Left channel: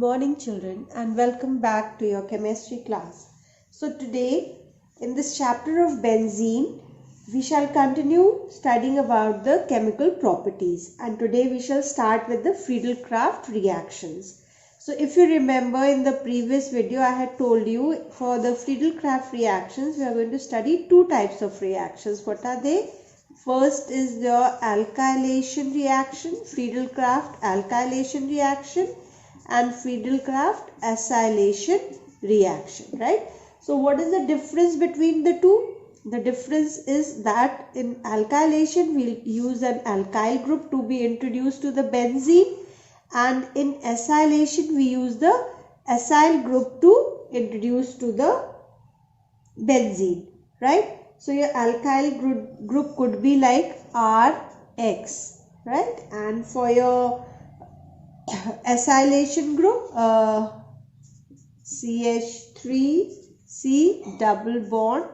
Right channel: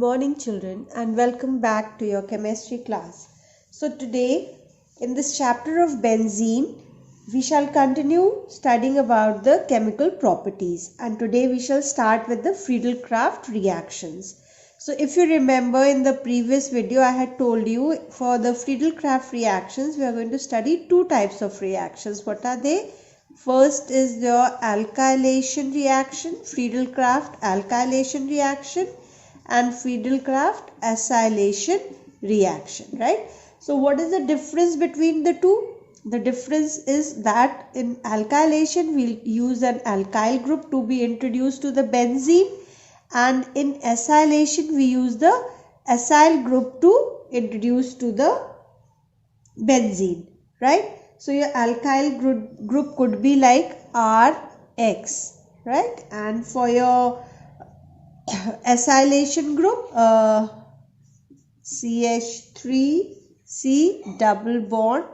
morning children, and welcome back to your chemistry class. So today in this chapter of benzene we shall continue studying about the chemical properties, and today we shall start with the Friedel-Crafts reactions. So if you remember, in the previous video I had told you for the Friedel-Crafts reactions we are going to study two types of reactions. What are they? First is the alkylation reaction, Friedel-Crafts alkylation reaction, and Friedel-Crafts acylation reaction, right? So what is the difference between the two? The difference is that in alkylation we'll use an alkyl group to be introduced to the benzene, and in acylation we use the acyl group to introduce to the benzene, right? So your alkyl group could be like RX, right? And for your acylation group, CH3C double bond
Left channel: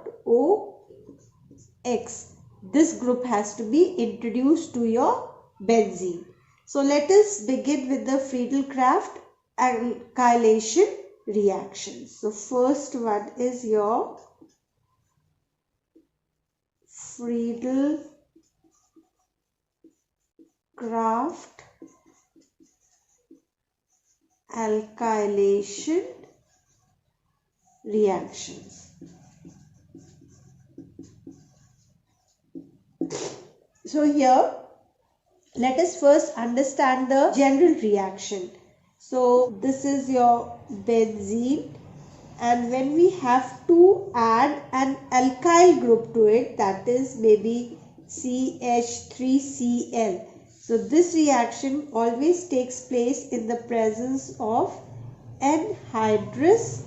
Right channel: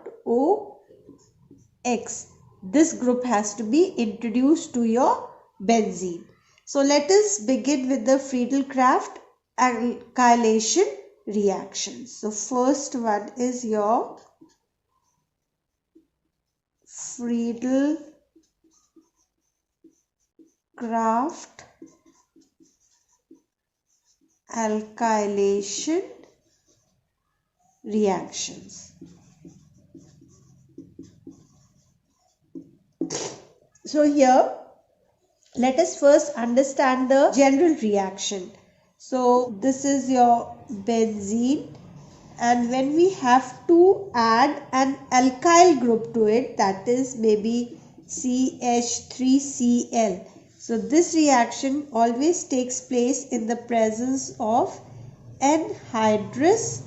OX. This group has to be introduced to your benzene. So let us begin with the Friedel-Crafts alkylation reaction. So first one is your Friedel-Crafts alkylation reactions. So here let us first understand the general reaction. So this is your benzene, and when we have to add an alkyl group to it, that is maybe CH3Cl. So this reaction always takes place in the presence of anhydrous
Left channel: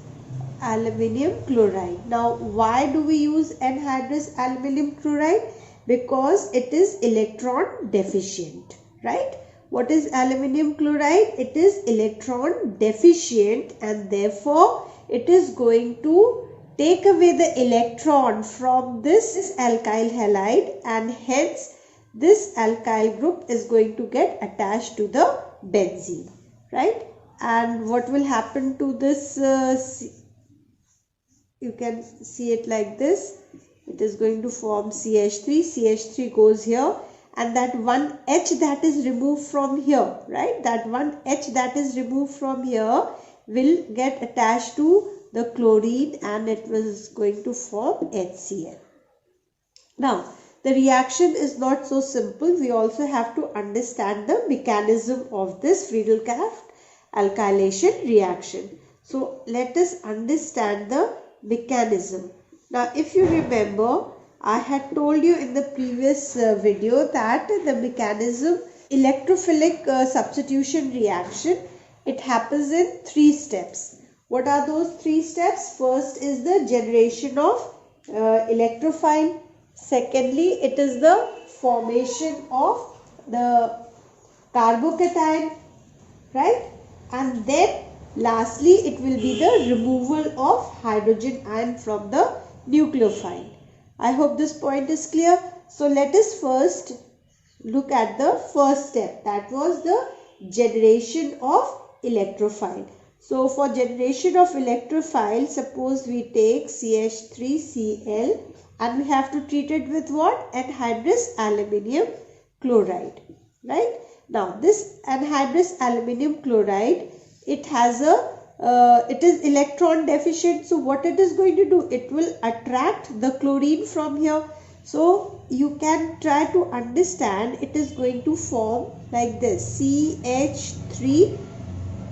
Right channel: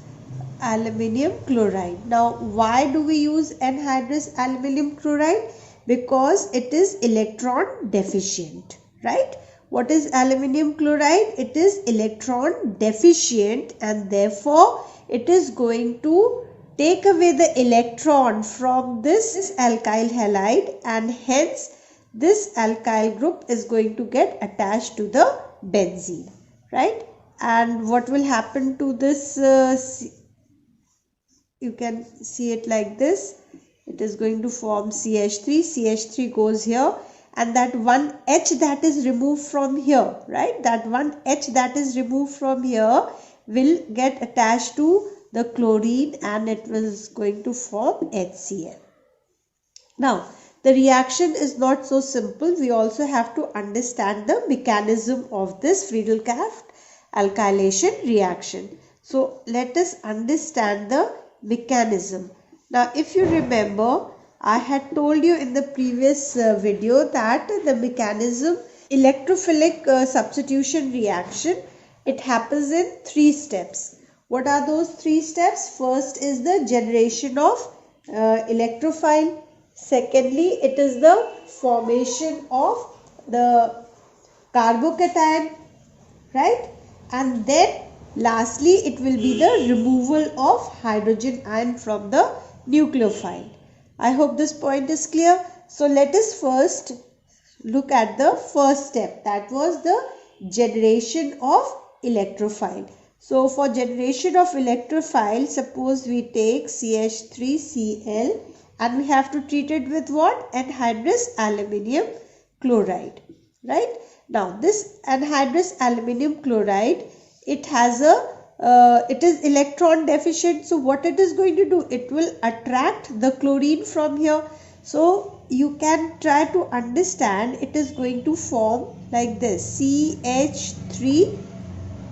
aluminium chloride. Now why do we use anhydrous aluminium chloride? Because it is electron deficient, right? What is aluminium chloride? It is electron deficient, and therefore it is going to take away the electron from this alkyl halide, and hence this alkyl group is going to get attached to the benzene, right? And what will happen to this? You can see it like this. It is going to form CH3. CH3 goes here, and that one H that is removed from here, right? That one H that is removed from here will get attached to the chlorine, and it is going to form HCl. Now the reaction is not so simple. We also have to understand the mechanism of this Friedel-Crafts alkylation reaction. So let us understand the mechanism. Now if you remember, I had told you in the previous video that the mechanism, electrophilic substitution reaction, it happens in 3 steps. What are those 3 steps? First is the generation of electrophile. Secondly, it is the formation of the carbocation, right? And then lastly, it will be the removal of hydrogen ion from the nucleophile. I hope this point is clear. So let us first look at the first step, that was the generation of electrophile. So for generation of electrophile, suppose we take CH3Cl, and we have to treat it with what? Anhydrous aluminium chloride, right? Now this anhydrous aluminium chloride, it has a it is electron deficient. So what it is going to do? It will attract the chlorine from here. So you can try to understand, it is going to form like this, CH3.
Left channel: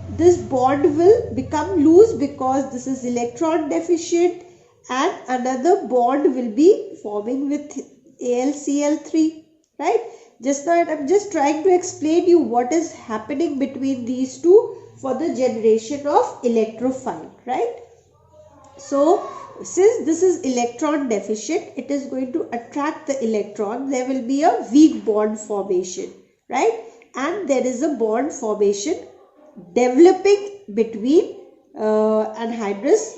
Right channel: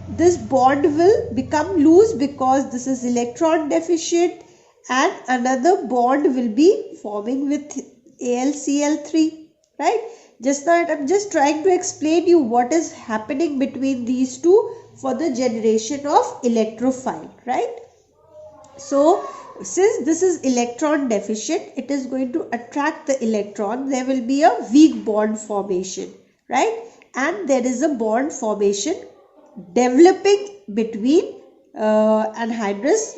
This bond will become loose because this is electron deficient, and another bond will be forming with AlCl3, right? Just now I'm just trying to explain you what is happening between these two for the generation of electrophile, right? So since this is electron deficient, it is going to attract the electron. There will be a weak bond formation, right? And there is a bond formation developing between anhydrous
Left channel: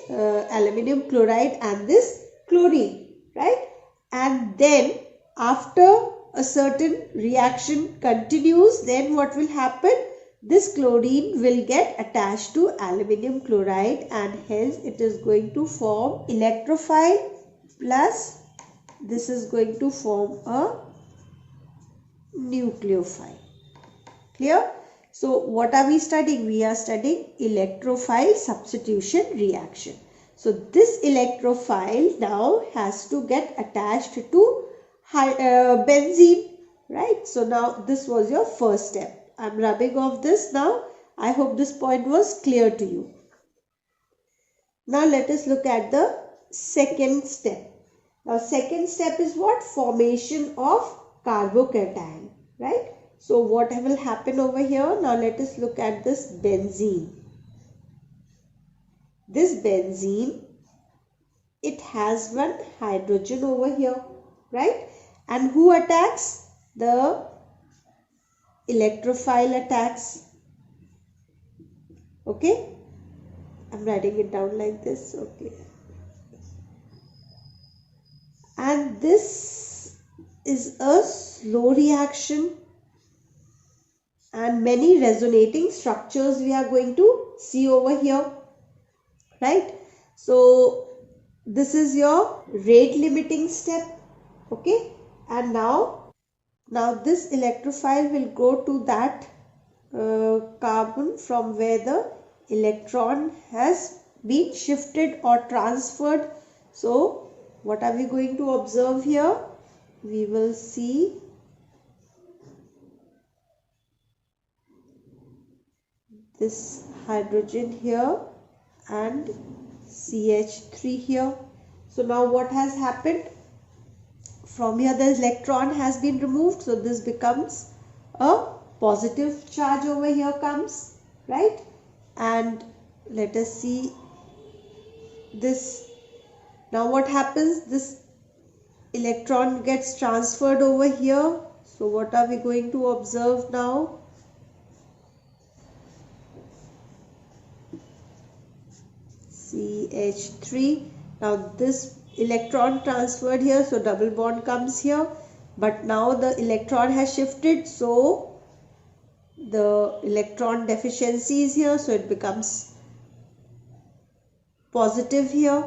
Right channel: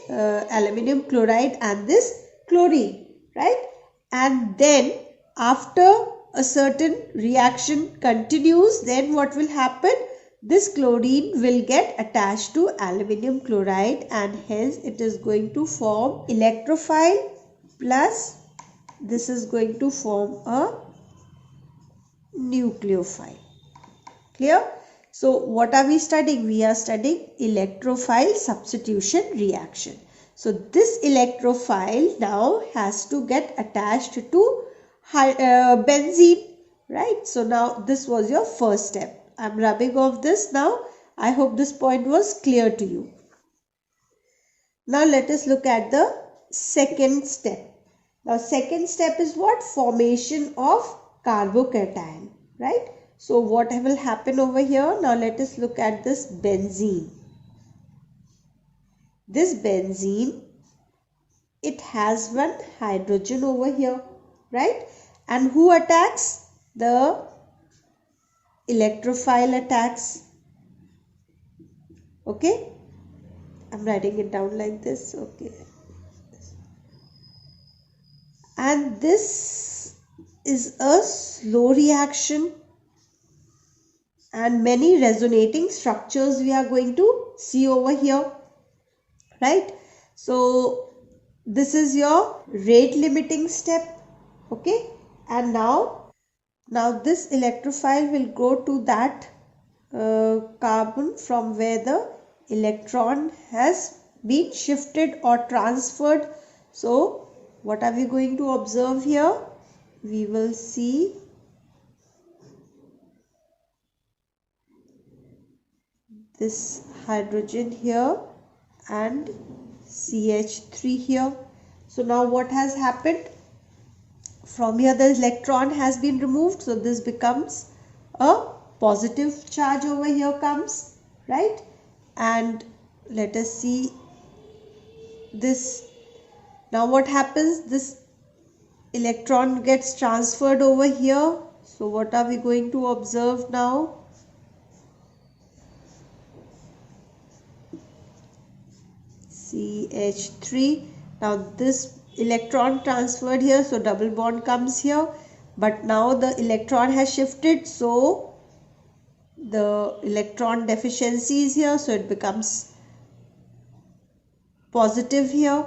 aluminium chloride and this chlorine, right? And then after a certain reaction continues, then what will happen? this chlorine will get attached to aluminum chloride and hence it is going to form electrophile plus this is going to form a nucleophile. Clear? So what are we studying? We are studying electrophile substitution reaction. So this electrophile now has to get attached to benzene, right? So now this was your first step. I'm rubbing off this now. I hope this point was clear to you. Now let us look at the second step. Now second step is what? Formation of carbocation, right? So what will happen over here? Now let us look at this benzene. This benzene, it has one hydrogen over here, right? And who attacks? The electrophile attacks. Okay? I'm writing it down like this. Okay. And this is a slow reaction and many resonating structures we are going to see over here, right? So this is your rate limiting step. Okay, and now this electrophile will go to that carbon from where the electron has been shifted or transferred. So what are we going to observe here? We will see this hydrogen here and CH3 here. So now what has happened? From here the electron has been removed. So this becomes a positive charge over here comes, right? And let us see this. Now what happens? This electron gets transferred over here. So what are we going to observe now? CH3. Now this electron transferred here, so double bond comes here, but now the electron has shifted, so the electron deficiency is here, so it becomes positive here.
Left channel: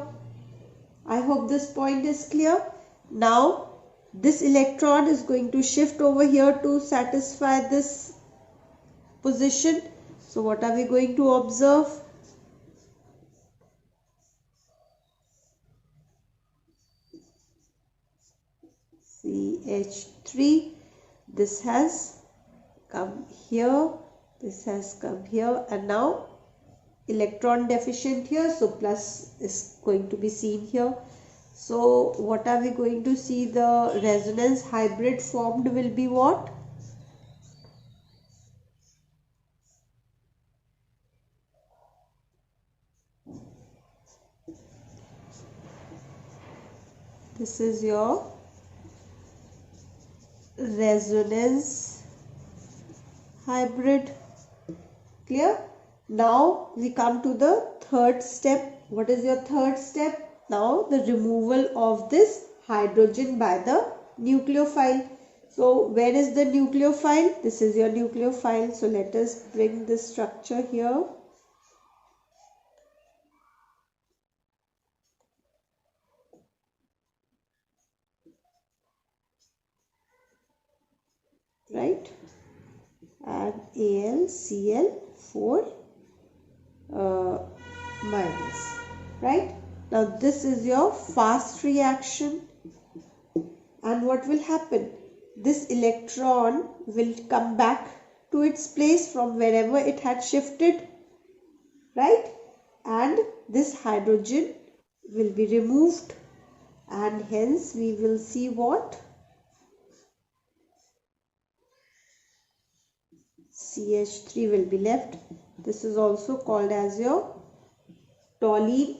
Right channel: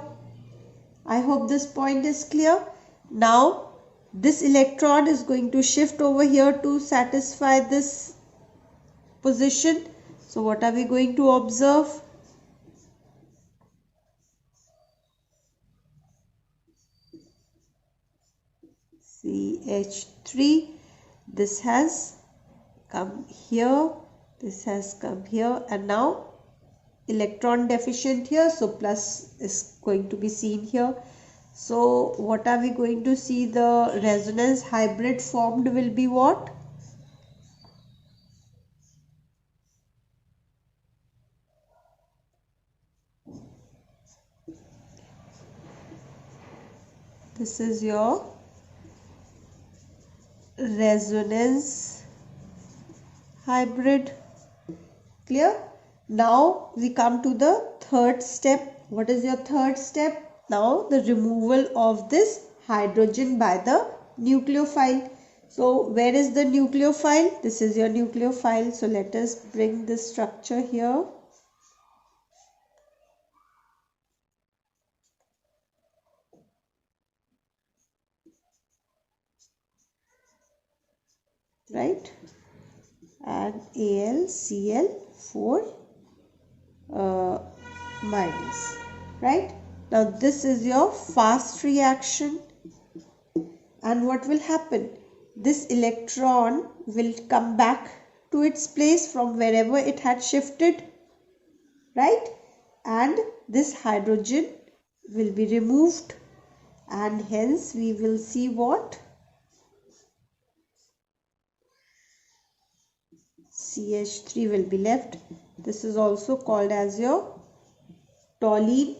I hope this point is clear. Now this electron is going to shift over here to satisfy this position. So what are we going to observe? CH3, this has come here, this has come here, and now electron deficient here, so plus is going to be seen here. So what are we going to see? The resonance hybrid formed will be what? This is your resonance hybrid. Clear? Now we come to the third step. What is your third step? Now the removal of this hydrogen by the nucleophile. So where is the nucleophile? This is your nucleophile. So let us bring this structure here. Right? And AlCl4 minus. Right? Now this is your fast reaction. And what will happen? This electron will come back to its place from wherever it had shifted, right? And this hydrogen will be removed, and hence we will see what? CH3 will be left. This is also called as your toluene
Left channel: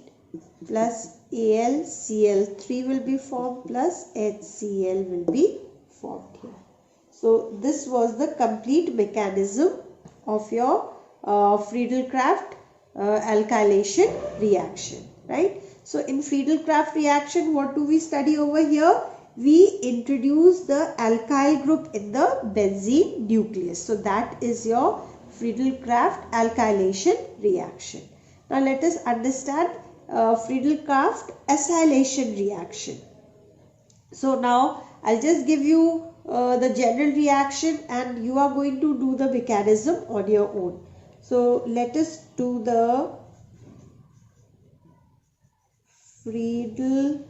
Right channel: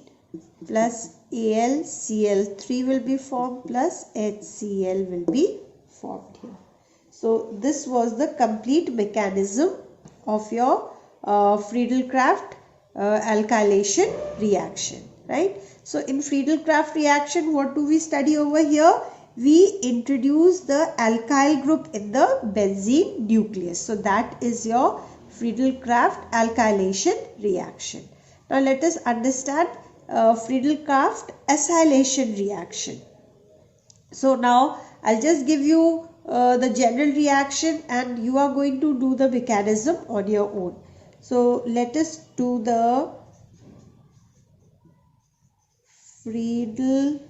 plus AlCl3 will be formed plus HCl will be formed here. So this was the complete mechanism of your Friedel-Crafts alkylation reaction, right? So in Friedel-Crafts reaction, what do we study over here? We introduce the alkyl group in the benzene nucleus. So that is your Friedel-Crafts alkylation reaction. Now let us understand Friedel-Crafts acylation reaction. So now I'll just give you the general reaction and you are going to do the mechanism on your own. So let us do the Friedel-Crafts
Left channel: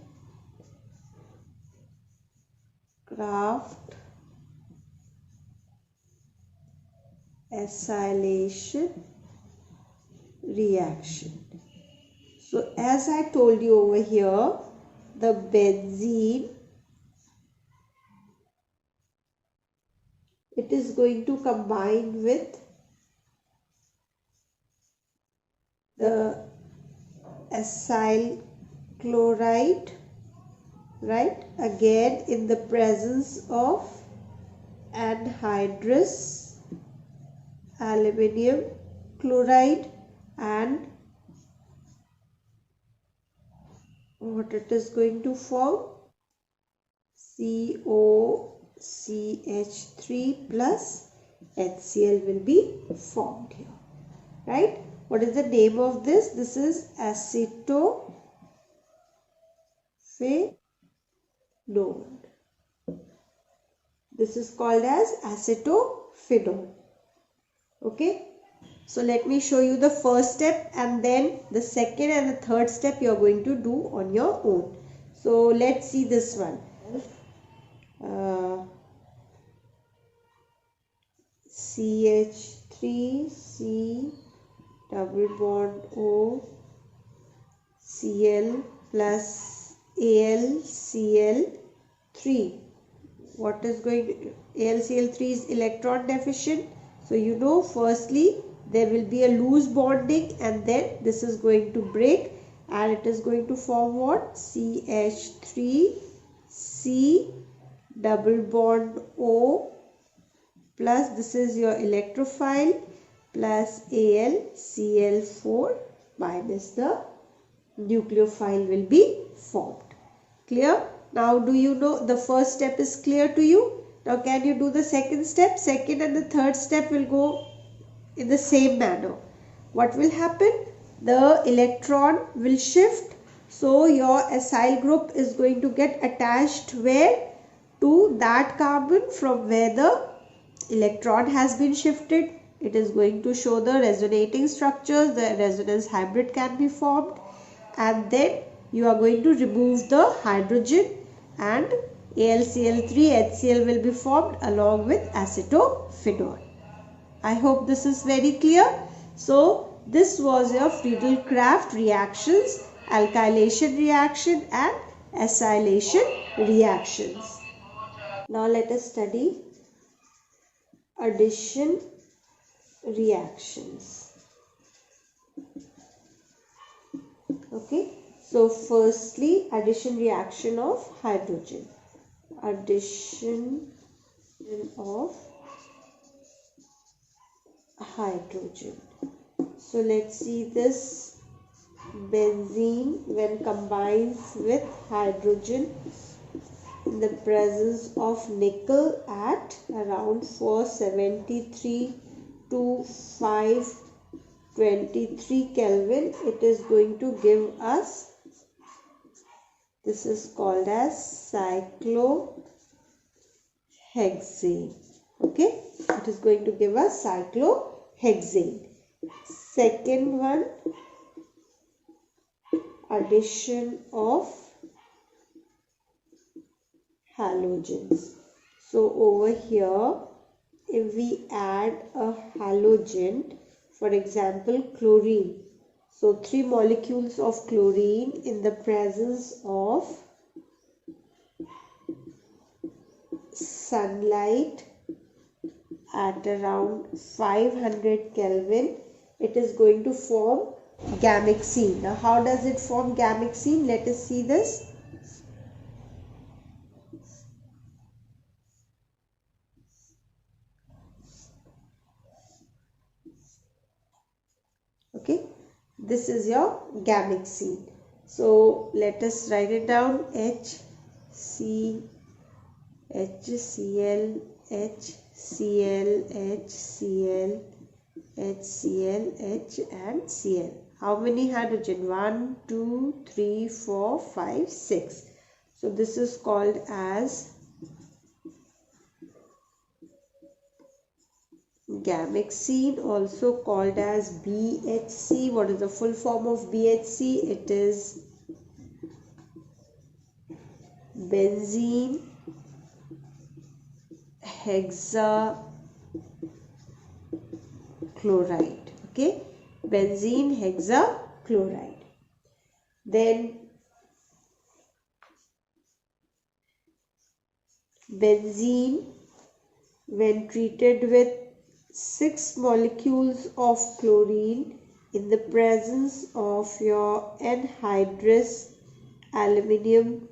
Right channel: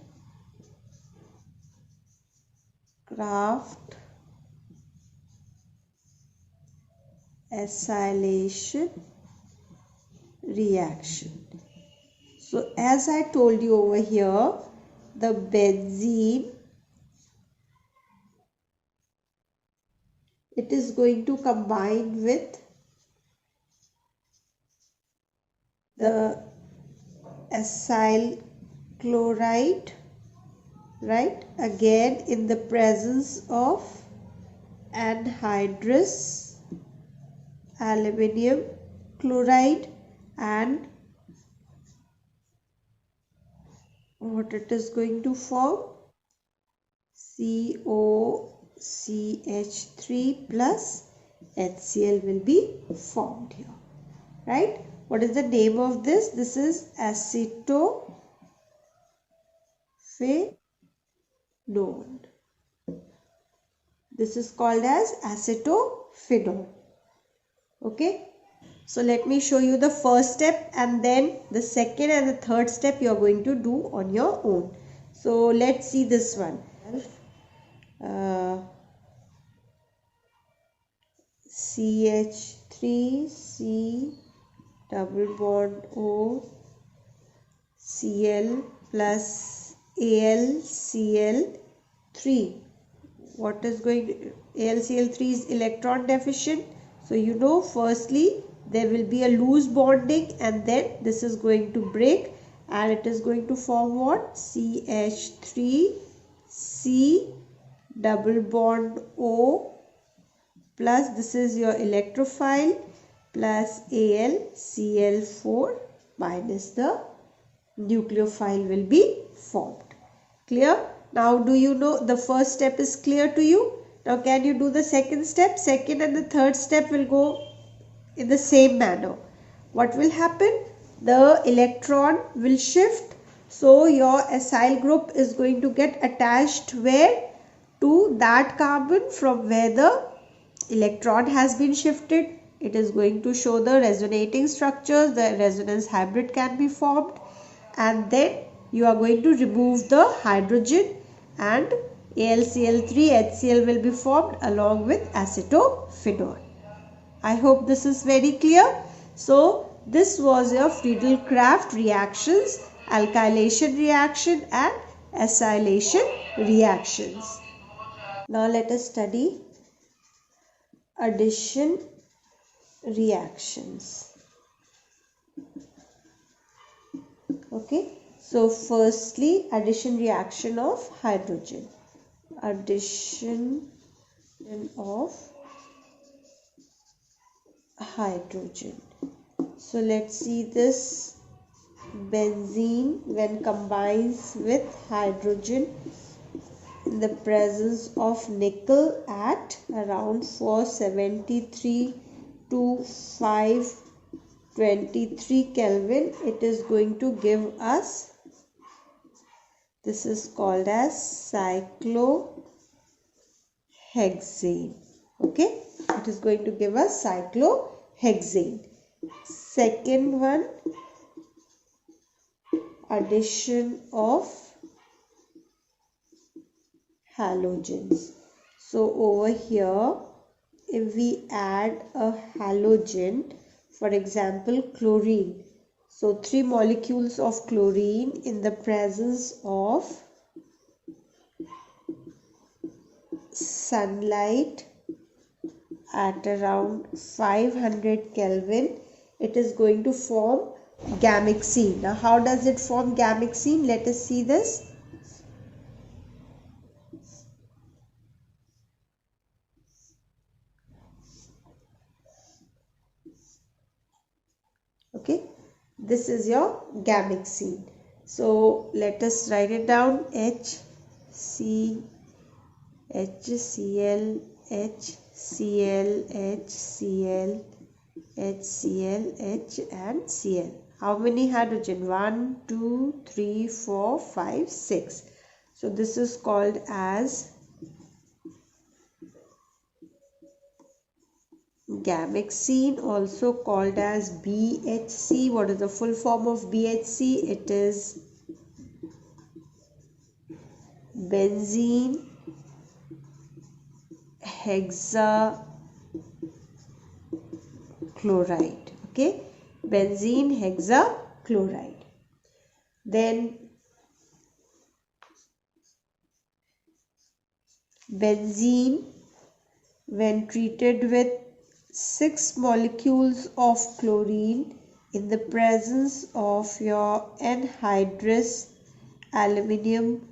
acylation reaction. So as I told you over here, the benzene, it is going to combine with the acyl chloride, right, again in the presence of anhydrous aluminium chloride, and what it is going to form, COCH3 plus HCl will be formed here, right? What is the name of this? This is acetophenone. This is called as acetophenone. Okay. So let me show you the first step and then the second and the third step you are going to do on your own. So let's see this one. CH3C double bond O Cl plus AlCl3. What is going to, AlCl3 is electron deficient. So you know, firstly there will be a loose bonding and then this is going to break and it is going to form what? CH3C double bond O plus this is your electrophile plus AlCl4 minus the nucleophile will be formed. Clear? Now do you know the first step is clear to you? Now can you do the second step? Second and the third step will go in the same manner. What will happen? The electron will shift. So your acyl group is going to get attached where? To that carbon from where the electron has been shifted. It is going to show the resonating structures. The resonance hybrid can be formed. And then you are going to remove the hydrogen and AlCl3 HCl will be formed along with acetophenone. I hope this is very clear. So this was your Friedel-Crafts reactions, alkylation reaction and acylation reactions. Now let us study addition reactions. Okay, so firstly addition reaction of hydrogen. Addition of hydrogen. So let's see this benzene when combines with hydrogen in the presence of nickel at around 473 to 523 Kelvin, it is going to give us, this is called as cyclohexane. Okay, it is going to give us cyclohexane. Second one, addition of halogens. So over here, if we add a halogen, for example chlorine, so 3 molecules of chlorine in the presence of sunlight at around 500 Kelvin, it is going to form gamexene. Now how does it form gamexene? Let us see this. Okay, this is your gamexene. So let us write it down. HCl, HCl, HCl, HCl, HCl, H and Cl. How many hydrogen? 1, 2, 3, 4, 5, 6. So this is called as gamexene, also called as BHC. What is the full form of BHC? It is benzene hexachloride. Okay, benzene hexachloride. Then benzene, when treated with 6 molecules of chlorine in the presence of your anhydrous aluminium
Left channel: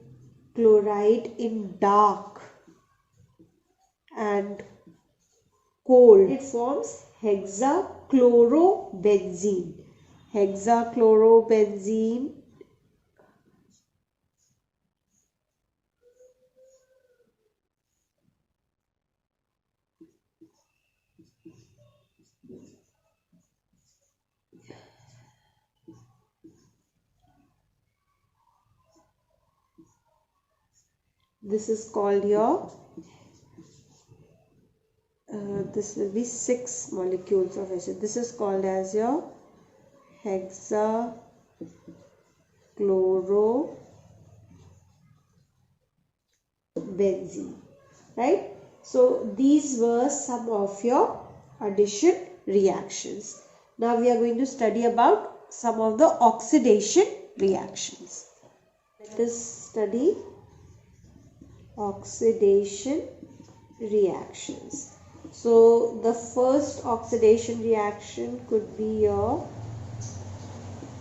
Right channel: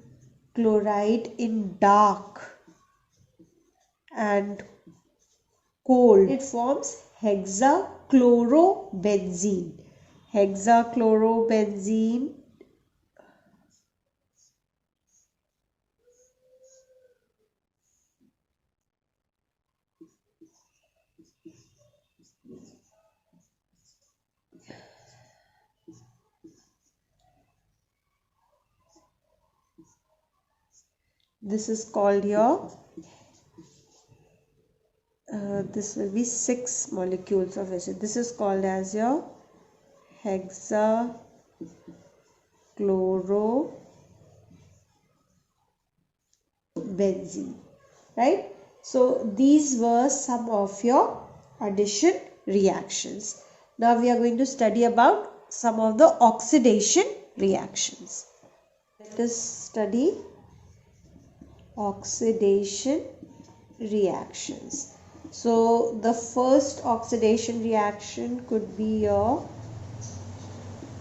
chloride in dark and cold, it forms hexachlorobenzene. Hexachlorobenzene this is called your this will be 6 molecules of acid. This is called as your hexachlorobenzene, right? So these were some of your addition reactions. Now we are going to study about some of the oxidation reactions. Let us study oxidation reactions. So the first oxidation reaction could be your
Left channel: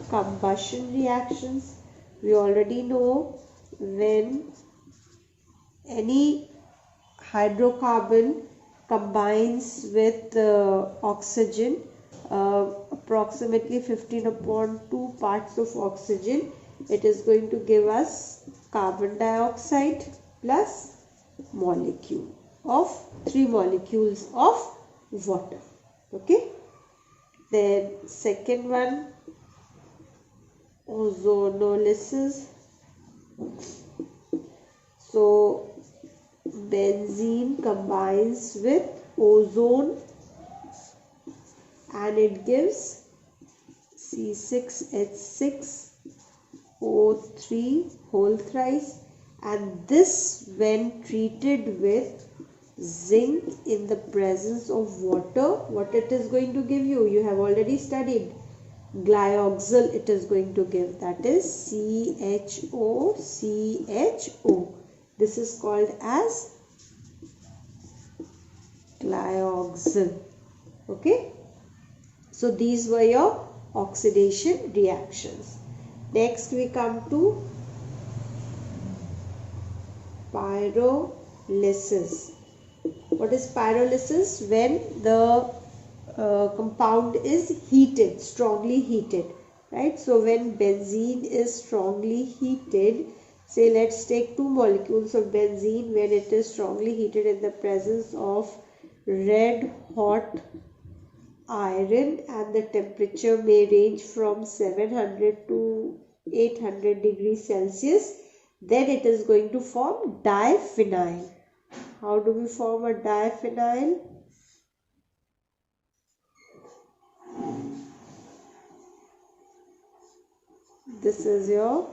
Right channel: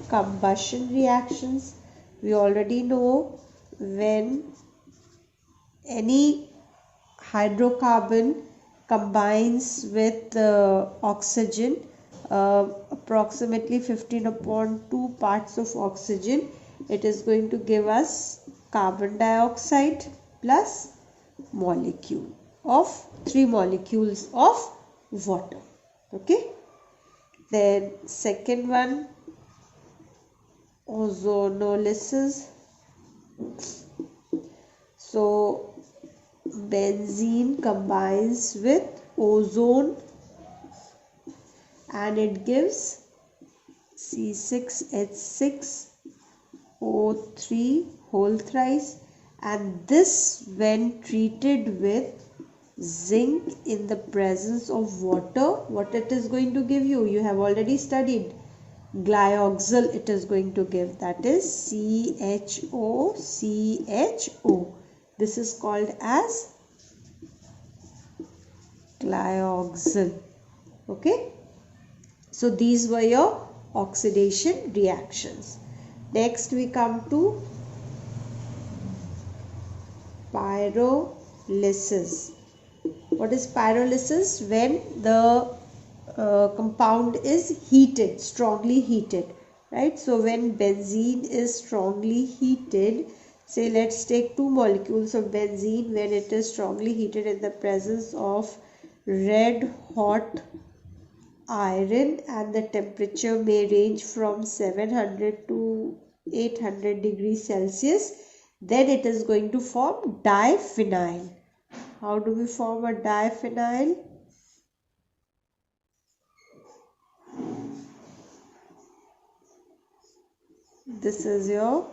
combustion reactions. We already know when any hydrocarbon combines with oxygen, approximately 15/2 parts of oxygen, it is going to give us carbon dioxide plus molecule of 3 molecules of water. Okay, then second one, ozonolysis. So benzene combines with ozone and it gives C6H6O3 whole thrice, and this when treated with zinc in the presence of water, what it is going to give you? You have already studied glyoxal. It is going to give, that is CHO. This is called as glyoxal. Okay, so these were your oxidation reactions. Next we come to pyrolysis. What is pyrolysis? When the compound is heated, strongly heated, right? So when benzene is strongly heated, say let's take 2 molecules of benzene, when it is strongly heated in the presence of red hot iron, and the temperature may range from 700 to 800 degrees Celsius, then it is going to form diphenyl. How do we form a diphenyl? This is your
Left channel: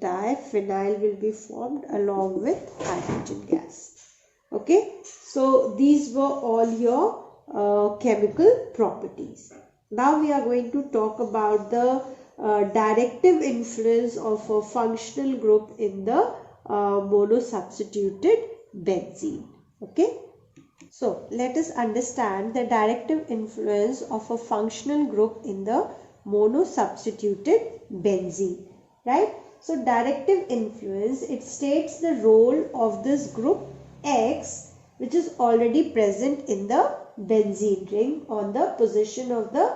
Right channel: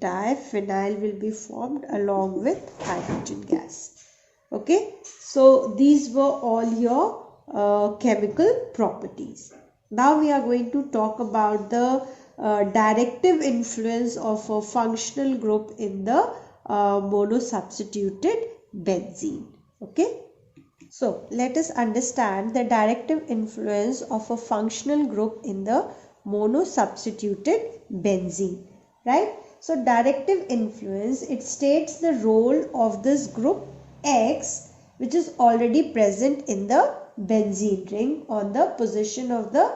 diphenyl will be formed along with hydrogen gas. Okay, so these were all your chemical properties. Now we are going to talk about the directive influence of a functional group in the monosubstituted benzene. Okay, so let us understand the directive influence of a functional group in the monosubstituted benzene, right? So directive influence, it states the role of this group X, which is already present in the benzene ring on the position of the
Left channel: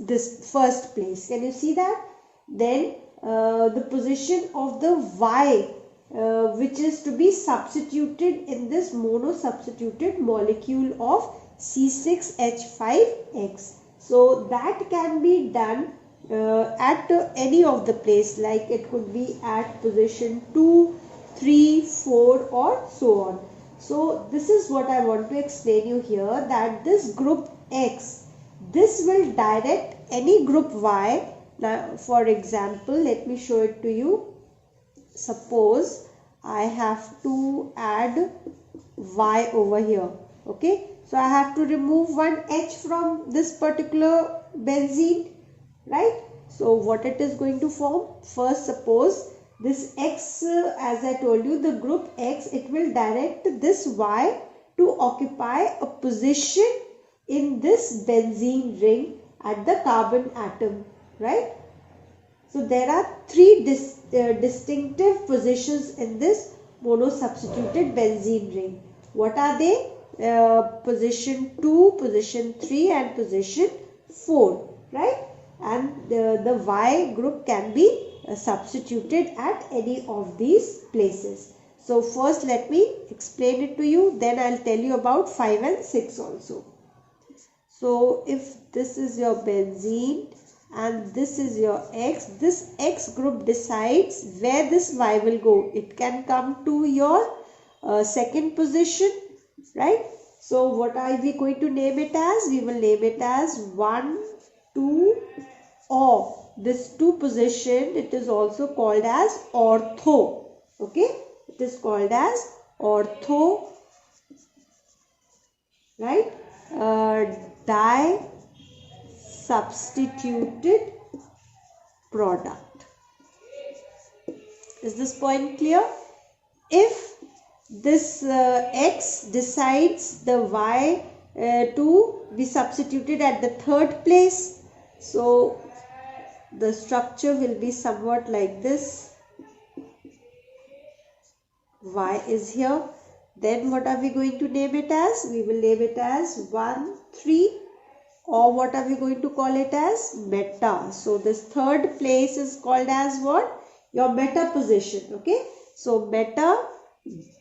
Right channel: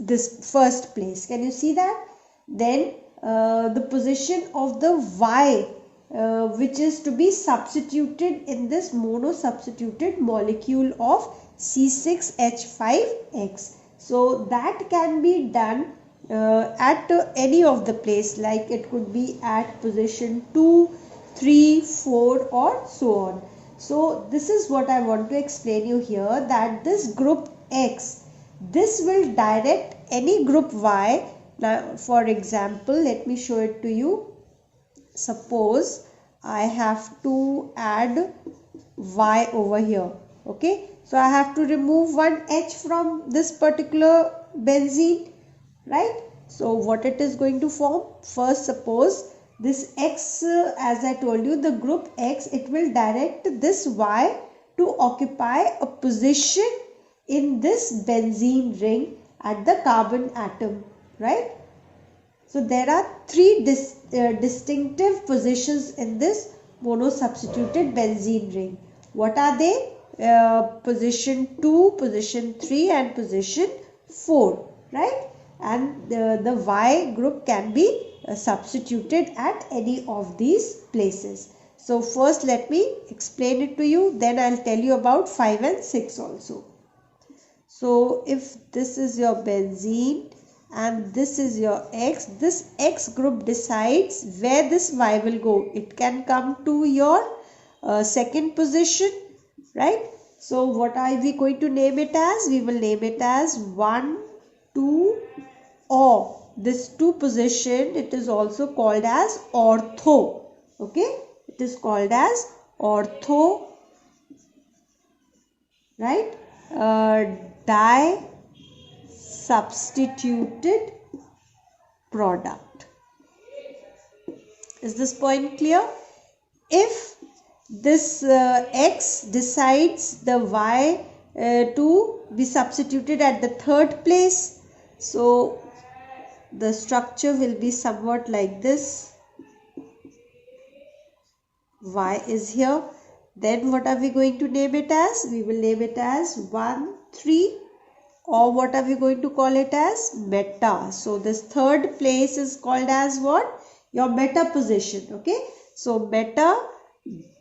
this first place. Can you see that? Then the position of the Y which is to be substituted in this mono-substituted molecule of C6H5X. So that can be done at any of the place, like it could be at position 2, 3, 4 or so on. So this is what I want to explain you here, that this group X, this will direct any group Y. Now for example, let me show it to you. Suppose I have to add Y over here. Okay, so I have to remove one H from this particular benzene, right? So what it is going to form? First, suppose this X, as I told you, the group X, it will direct this Y to occupy a position in this benzene ring at the carbon atom, right? So there are three distinctive positions in this mono-substituted benzene ring. What are they? Position 2, position 3 and position 4, right? And the Y group can be substituted at any of these places. So first let me explain it to you, then I'll tell you about 5 and 6 also. So if this is your benzene and this is your X, this X group decides where this Y will go. It can come to your second position, right? So what are we going to name it as? We will name it as 1, 2 or this 2 position, it is also called as ortho. Okay, it is called as ortho, right? Di substituted product. Is this point clear? If this X decides the Y to be substituted at the third place, so the structure will be somewhat like this. Y is here. Then what are we going to name it as? We will name it as 1, 3, or what are we going to call it as? Meta. So this third place is called as what? Your meta position. Okay. So meta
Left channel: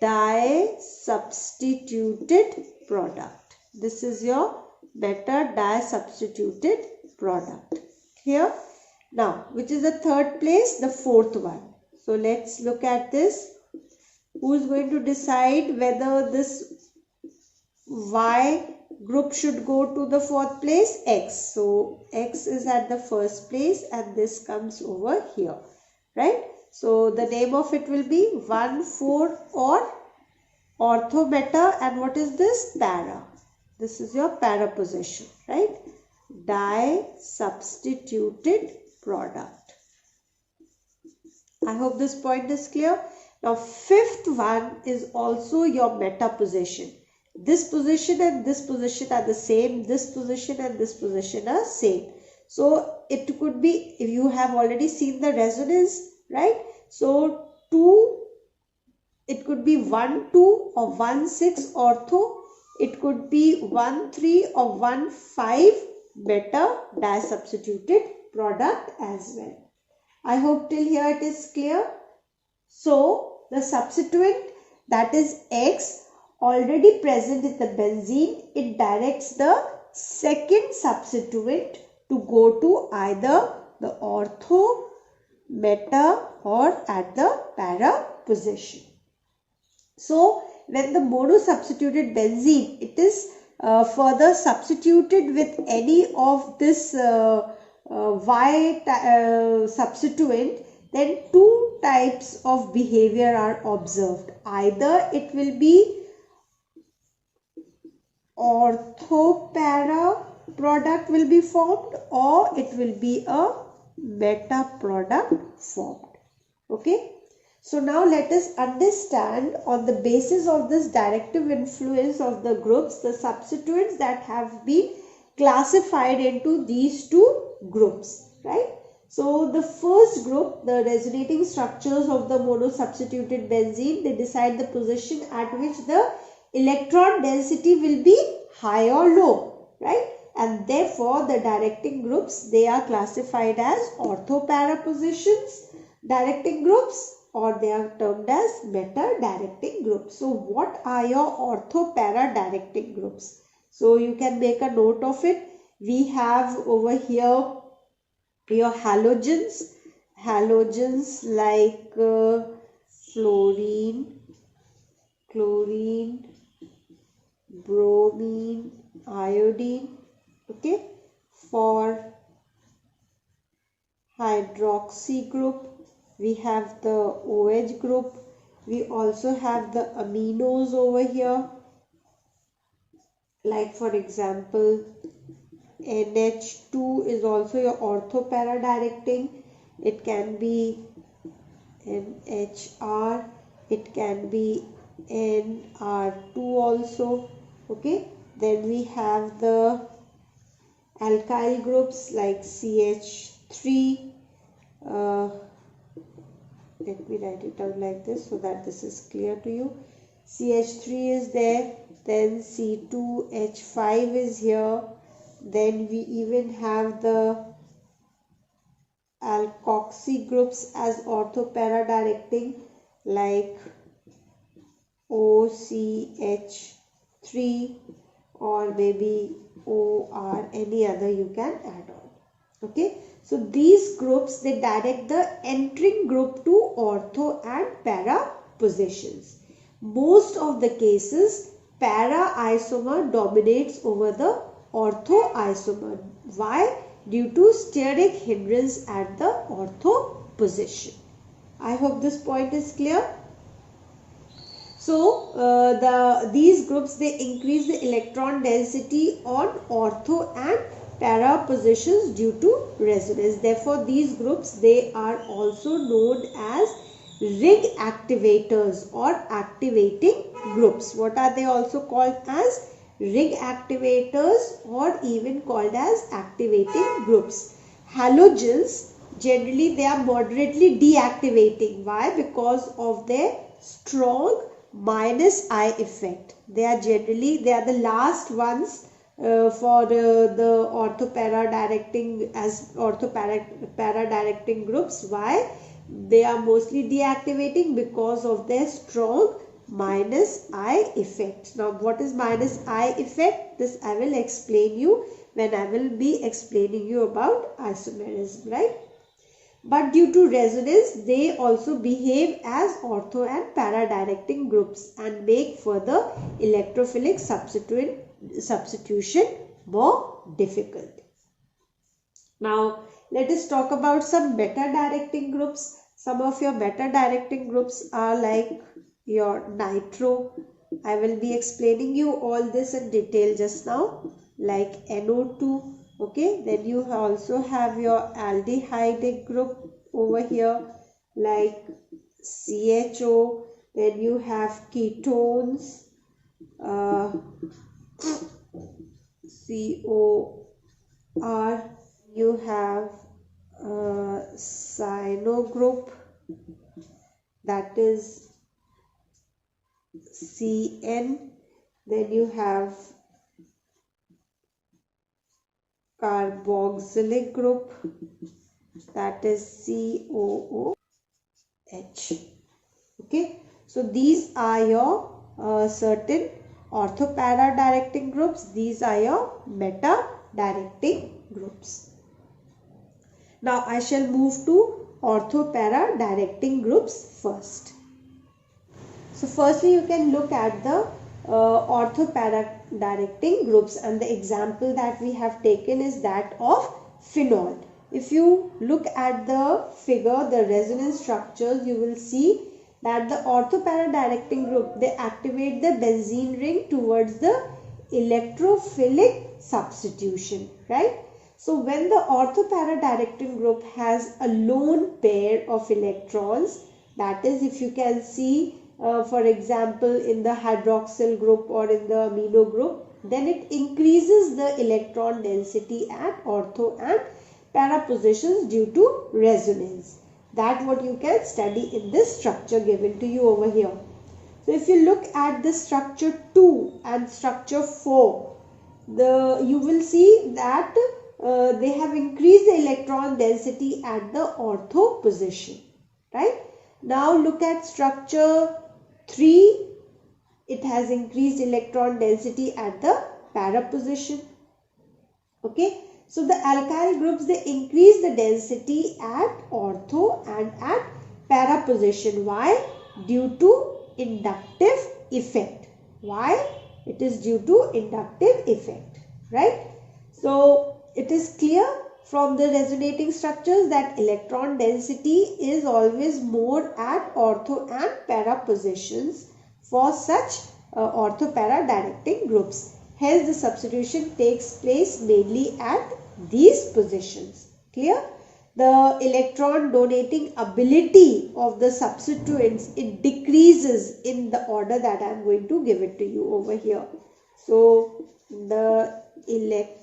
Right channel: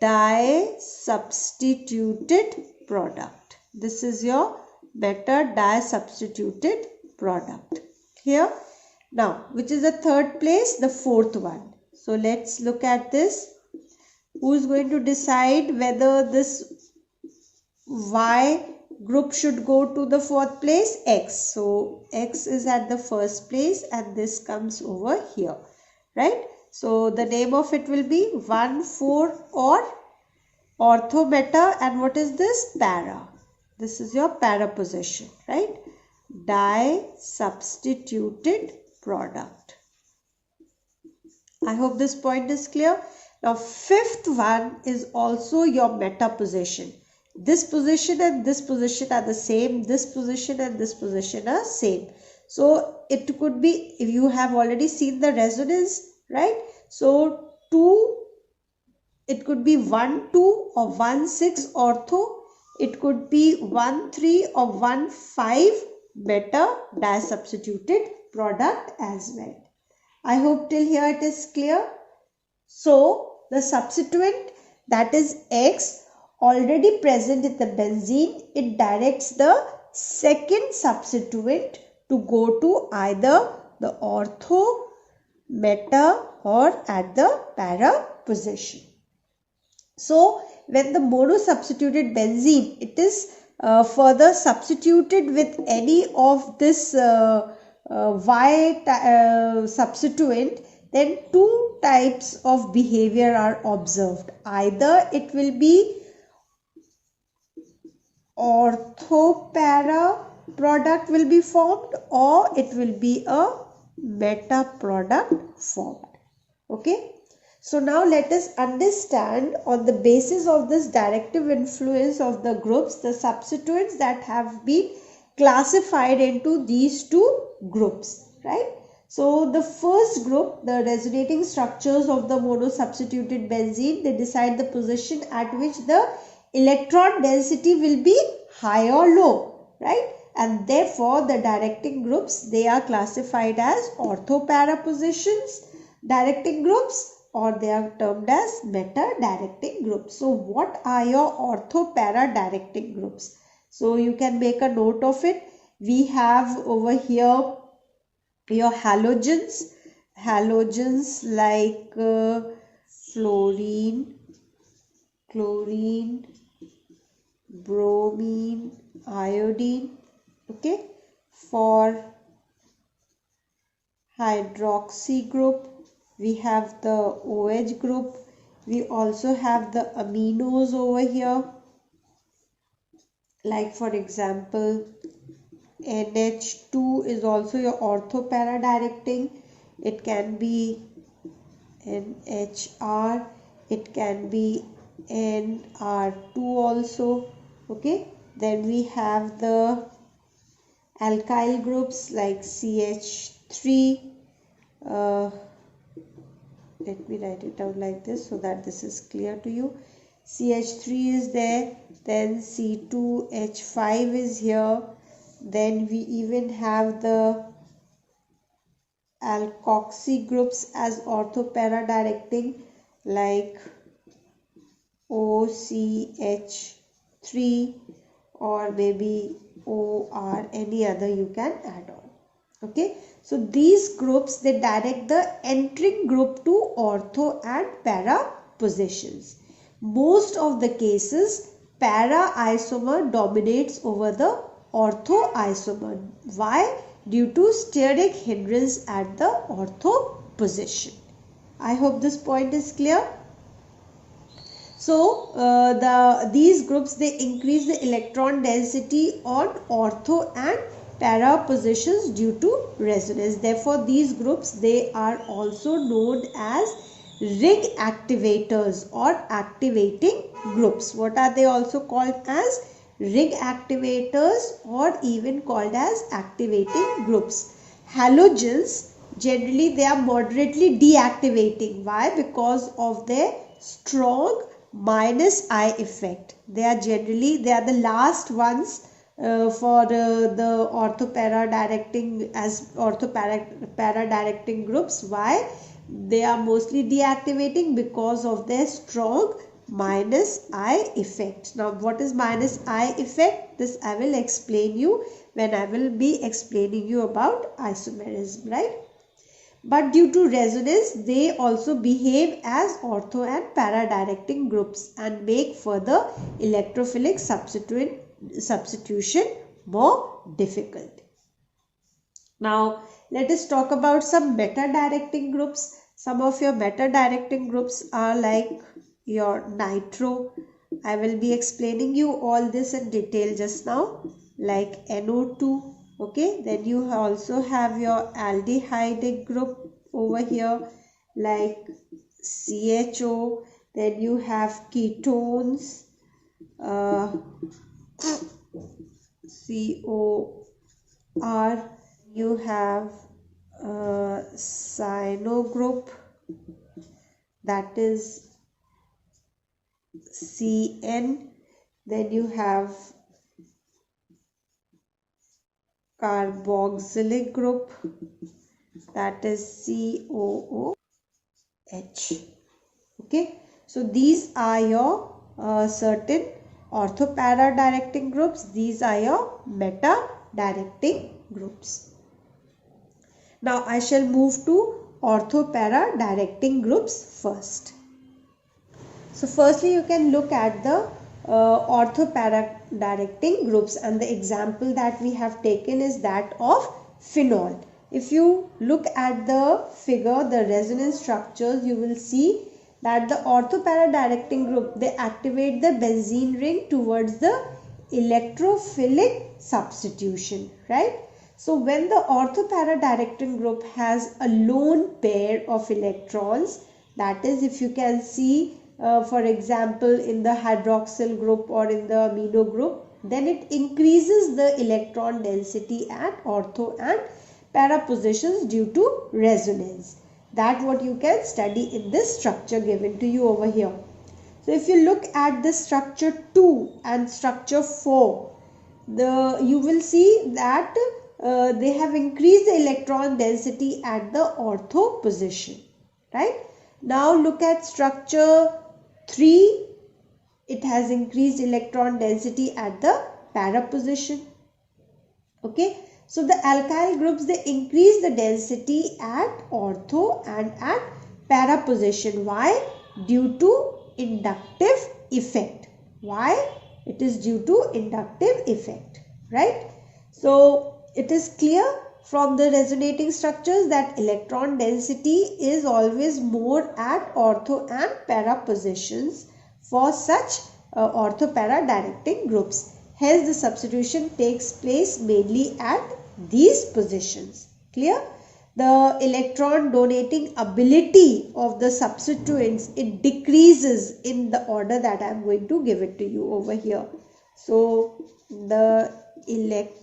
di-substituted product. This is your meta di-substituted product. Here. Now, which is the third place? The fourth one. So let's look at this. Who is going to decide whether this Y group should go to the fourth place? X. So X is at the first place and this comes over here, right? So the name of it will be 1, 4 or ortho meta, and what is this? Para. This is your para position, right? Di-substituted product. I hope this point is clear. Now fifth one is also your meta position. This position and this position are the same. This position and this position are same. So it could be, if you have already seen the resonance, right? So 2, it could be 1, 2 or 1, 6 ortho. It could be 1, 3 or 1, 5 meta di-substituted product as well. I hope till here it is clear. So the substituent, that is X, already present in the benzene, it directs the second substituent to go to either the ortho, meta or at the para position. So when the mono-substituted benzene, it is further substituted with any of this Y substituent, then 2 types of behavior are observed. Either it will be ortho-para product will be formed, or it will be a meta product formed. Okay. So now let us understand, on the basis of this directive influence of the groups, the substituents that have been classified into these 2 groups, right? So the first group, the resonating structures of the mono-substituted benzene, they decide the position at which the electron density will be high or low, right? And therefore the directing groups, they are classified as ortho-para positions, directing groups, or they are termed as meta-directing groups. So what are your ortho-para-directing groups? So you can make a note of it. We have over here your halogens like fluorine, chlorine, bromine, iodine. Okay, for hydroxy group we have the OH group. We also have the aminos over here, like for example NH2 is also your ortho-para directing. It can be NHR, it can be NR2 also. Okay, then we have the alkyl groups like CH3. Let me write it down like this so that this is clear to you. CH3 is there, then C2H5 is here, then we even have the alkoxy groups as ortho-para directing like OCH3 or maybe OR, any other you can add on. Okay, so these groups, they direct the entering group to ortho and para positions. Most of the cases para isomer dominates over the ortho isomer. Why? Due to steric hindrance at the ortho position. I hope this point is clear. So these groups, they increase the electron density on ortho and para positions due to resonance. Therefore these groups, they are also known as ring activators or activating groups. What are they also called as? Ring activators, or even called as activating groups. Halogens, generally they are moderately deactivating. Why? Because of their strong minus I effect. They are the last ones for the ortho-para directing as ortho-para directing groups. Why? They are mostly deactivating because of their strong minus I effect. Now what is minus I effect? This I will explain you when I will be explaining you about isomerism, right? But due to resonance, they also behave as ortho and para directing groups and make further electrophilic substitution more difficult. Now let us talk about some meta directing groups. Some of your meta directing groups are like your nitro. I will be explaining you all this in detail just now, like NO2. Okay, then you also have your aldehyde group over here like CHO. Then you have ketones, COR. You have cyano group, that is CN. Then you have carboxylic group, that is COOH. Okay, so these are your certain ortho-para directing groups. These are your meta directing groups. Now I shall move to ortho-para directing groups first. So firstly you can look at the ortho-para directing groups, and the example that we have taken is that of phenol. If you look at the figure, the resonance structures, you will see that the ortho-para directing group, they activate the benzene ring towards the electrophilic substitution, right? So when the ortho-para directing group has a lone pair of electrons, that is, if you can see for example in the hydroxyl group or in the amino group, then it increases the electron density at ortho and para positions due to resonance. That what you can study in this structure given to you over here. So if you look at the structure 2 and structure 4, you will see that they have increased the electron density at the ortho position, right? Now look at structure 3. It has increased electron density at the para position. Okay, so the alkyl groups, they increase the density at ortho and at para position. Why? Due to inductive effect. Why? It is due to inductive effect, right? So it is clear from the resonating structures that electron density is always more at ortho and para positions for such ortho-para directing groups. Hence, the substitution takes place mainly at these positions. Clear? The electron donating ability of the substituents, it decreases in the order that I am going to give it to you over here. So, the electrons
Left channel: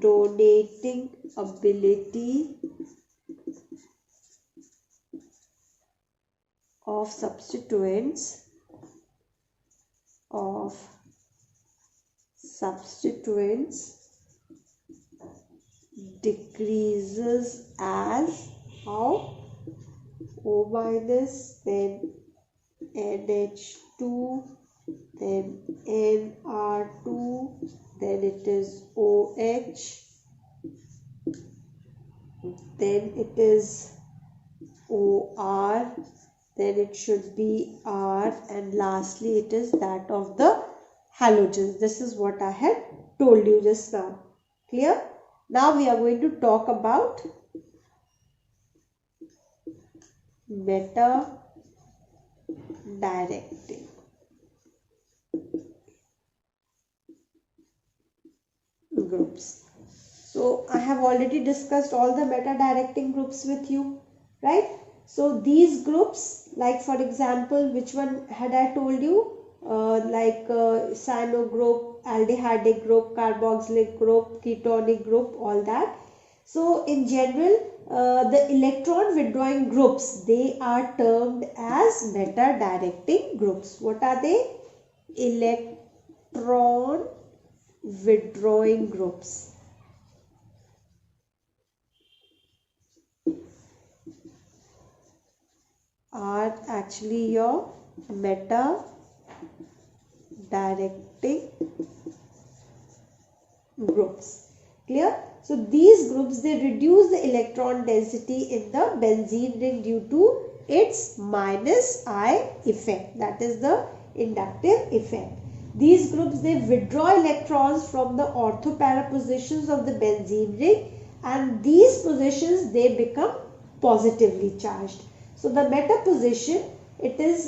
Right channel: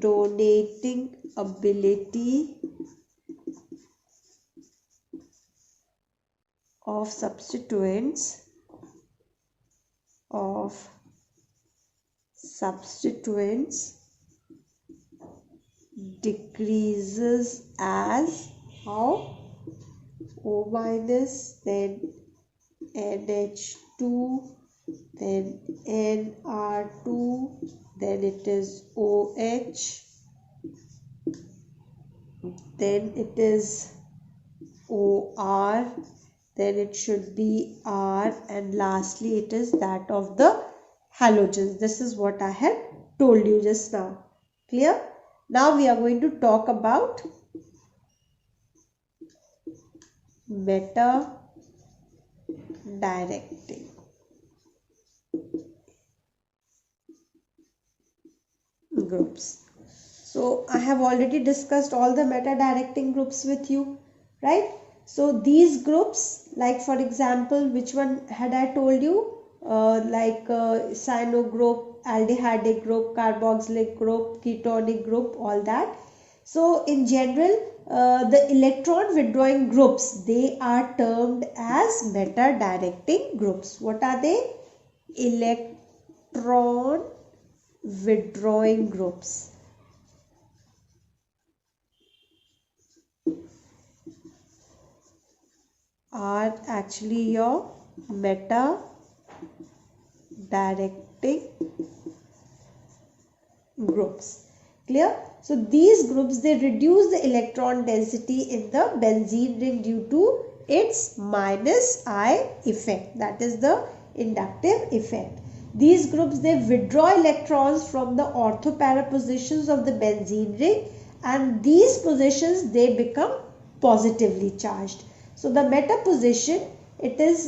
donating ability of substituents decreases as how? O minus, then NH2, then Nr2, then it is OH, then it is OR, then it should be R, and lastly it is that of the halogens. This is what I had told you just now. Clear? Now we are going to talk about meta directing. Groups. So I have already discussed all the meta directing groups with you, right? So these groups, like for example, which one had I told you? Cyano group, aldehydic group, carboxylic group, ketonic group, all that. So in general, the electron withdrawing groups, they are termed as meta directing groups. What are they? Electron withdrawing groups. Are actually your meta directing groups. Clear? So these groups, they reduce the electron density in the benzene ring due to its minus I effect, that is the inductive effect. These groups, they withdraw electrons from the ortho-para positions of the benzene ring, and these positions, they become positively charged. So the meta position, it is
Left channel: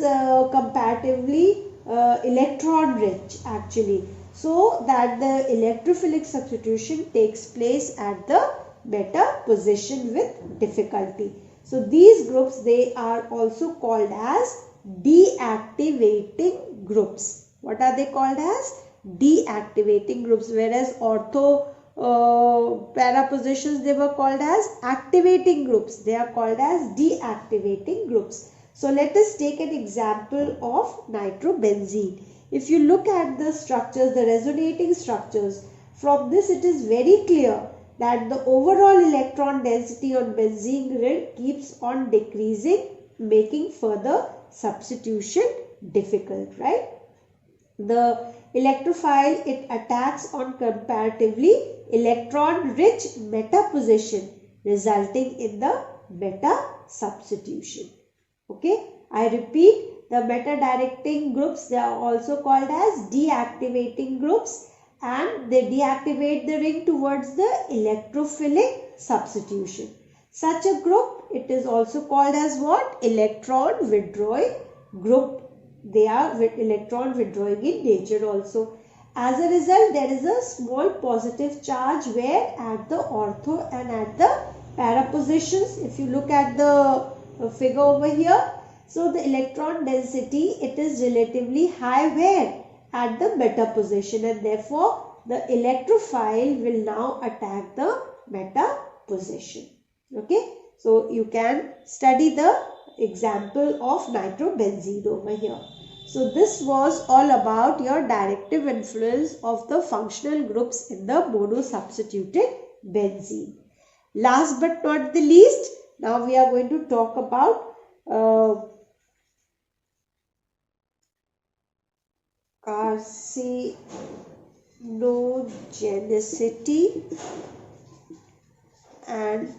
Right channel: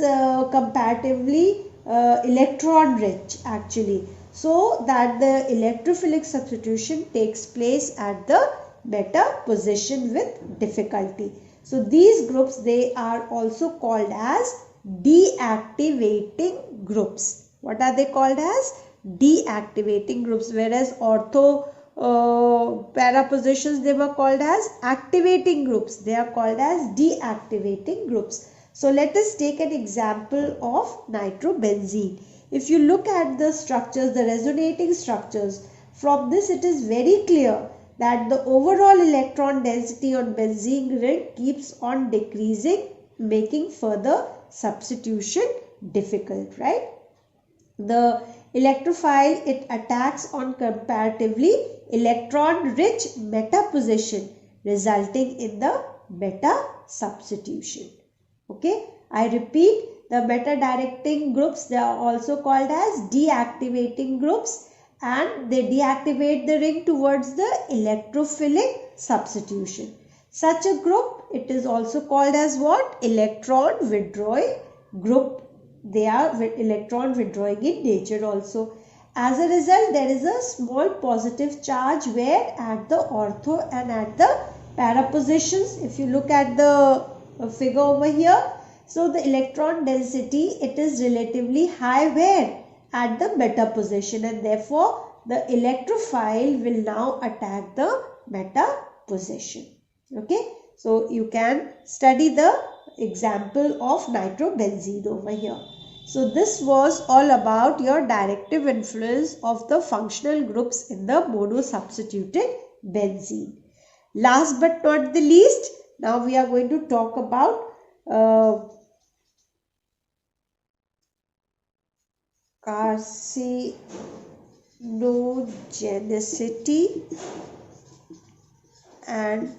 comparatively electron rich actually, so that the electrophilic substitution takes place at the meta position with difficulty. So these groups, they are also called as deactivating groups. What are they called as? Deactivating groups, whereas ortho para positions, they were called as activating groups. They are called as deactivating groups. So let us take an example of nitrobenzene. If you look at the structures, the resonating structures, from this it is very clear that the overall electron density on benzene ring keeps on decreasing, making further substitution difficult, right? The electrophile, it attacks on comparatively electron rich meta position, resulting in the meta substitution. Okay, I repeat, the meta directing groups, they are also called as deactivating groups, and they deactivate the ring towards the electrophilic substitution. Such a group, it is also called as what? Electron withdrawing group. They are electron withdrawing in nature also. As a result, there is a small positive charge where at the ortho and at the para positions. If you look at the figure over here, so the electron density, it is relatively high where? At the meta position, and therefore the electrophile will now attack the meta position. Okay, so you can study the example of nitrobenzene over here. So this was all about your directive influence of the functional groups in the monosubstituted benzene. Last but not the least, now we are going to talk about carcinogenicity and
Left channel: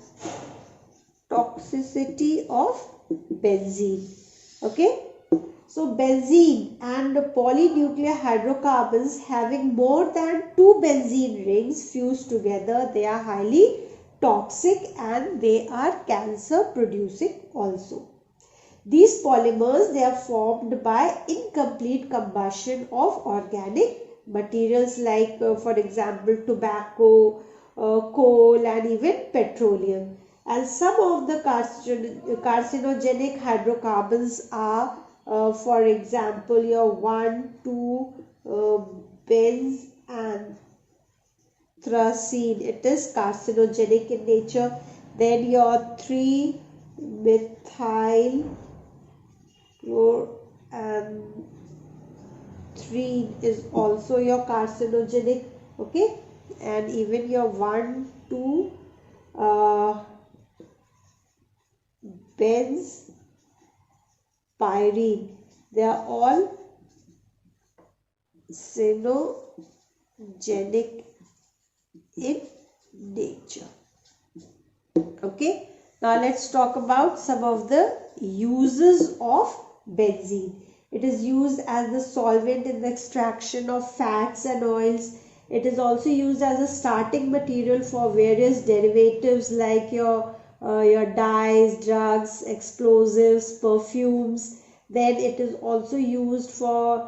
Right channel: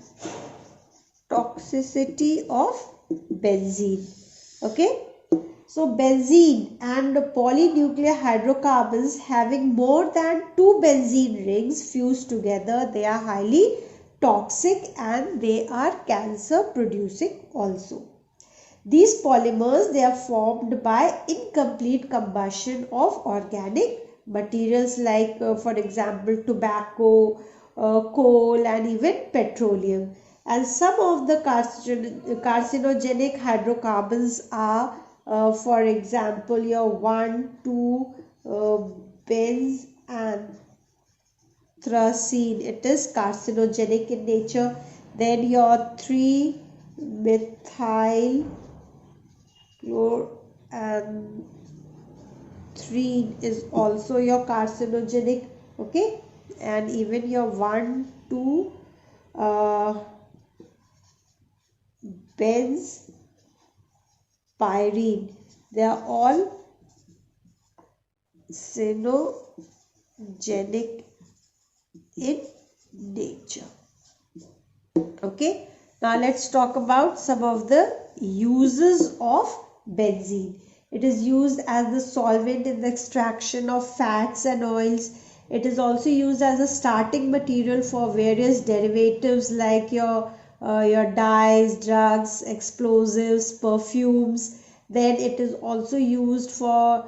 toxicity of benzene. Okay. So benzene and polynuclear hydrocarbons having more than 2 benzene rings fused together, they are highly toxic and they are cancer producing also. These polymers, they are formed by incomplete combustion of organic materials like for example tobacco, coal and even petroleum. And some of the carcinogenic hydrocarbons are for example your 1,2 benzene, it is carcinogenic in nature. Then your 3-methyl and 3 is also your carcinogenic. Okay, and even your 1,2 benzpyrene, they are all carcinogenic in nature. Okay, now let's talk about some of the uses of benzene. It is used as the solvent in the extraction of fats and oils. It is also used as a starting material for various derivatives like your dyes, drugs, explosives, perfumes. Then it is also used for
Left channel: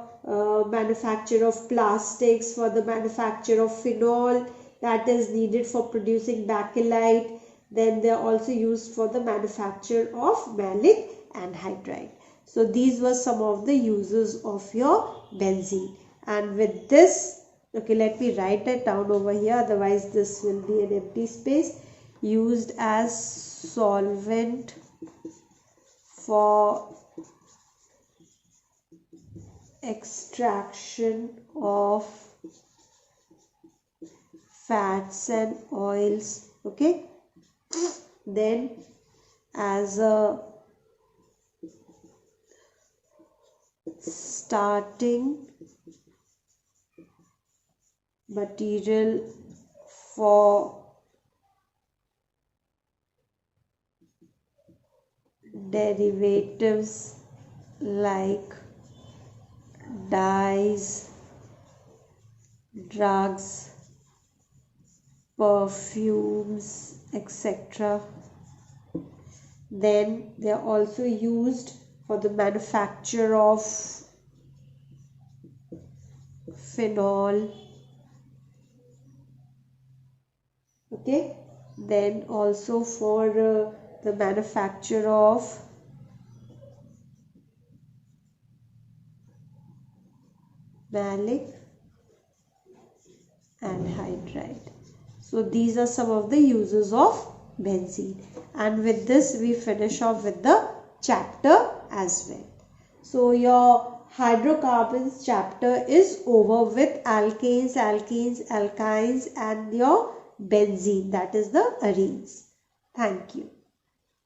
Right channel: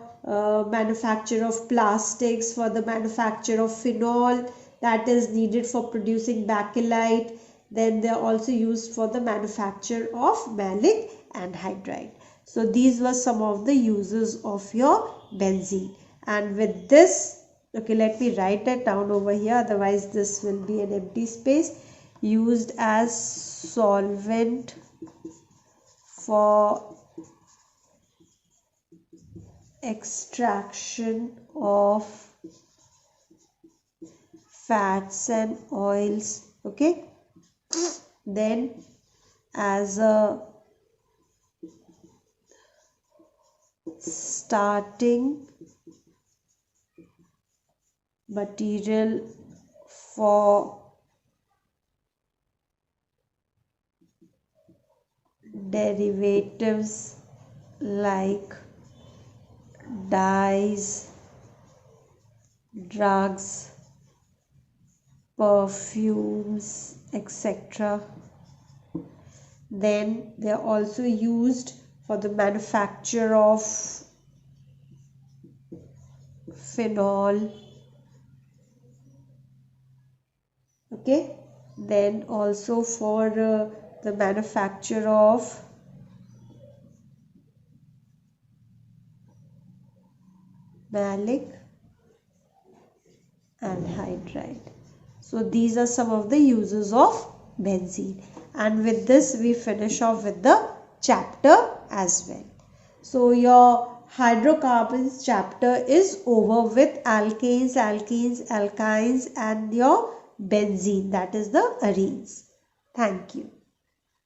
manufacture of plastics, for the manufacture of phenol that is needed for producing bakelite. Then they are also used for the manufacture of malic anhydride. So these were some of the uses of your benzene. And with this, okay, let me write that down over here, otherwise this will be an empty space. Used as solvent for extraction of fats and oils. Okay, then as a starting material for derivatives like dyes, drugs, perfumes, etc. Then they are also used for the manufacture of phenol. Okay, then also for the manufacture of malic anhydride. So these are some of the uses of benzene. And with this we finish off with the chapter as well. So your hydrocarbons chapter is over with alkanes, alkenes, alkynes and your benzene, that is the arenes. Thank you.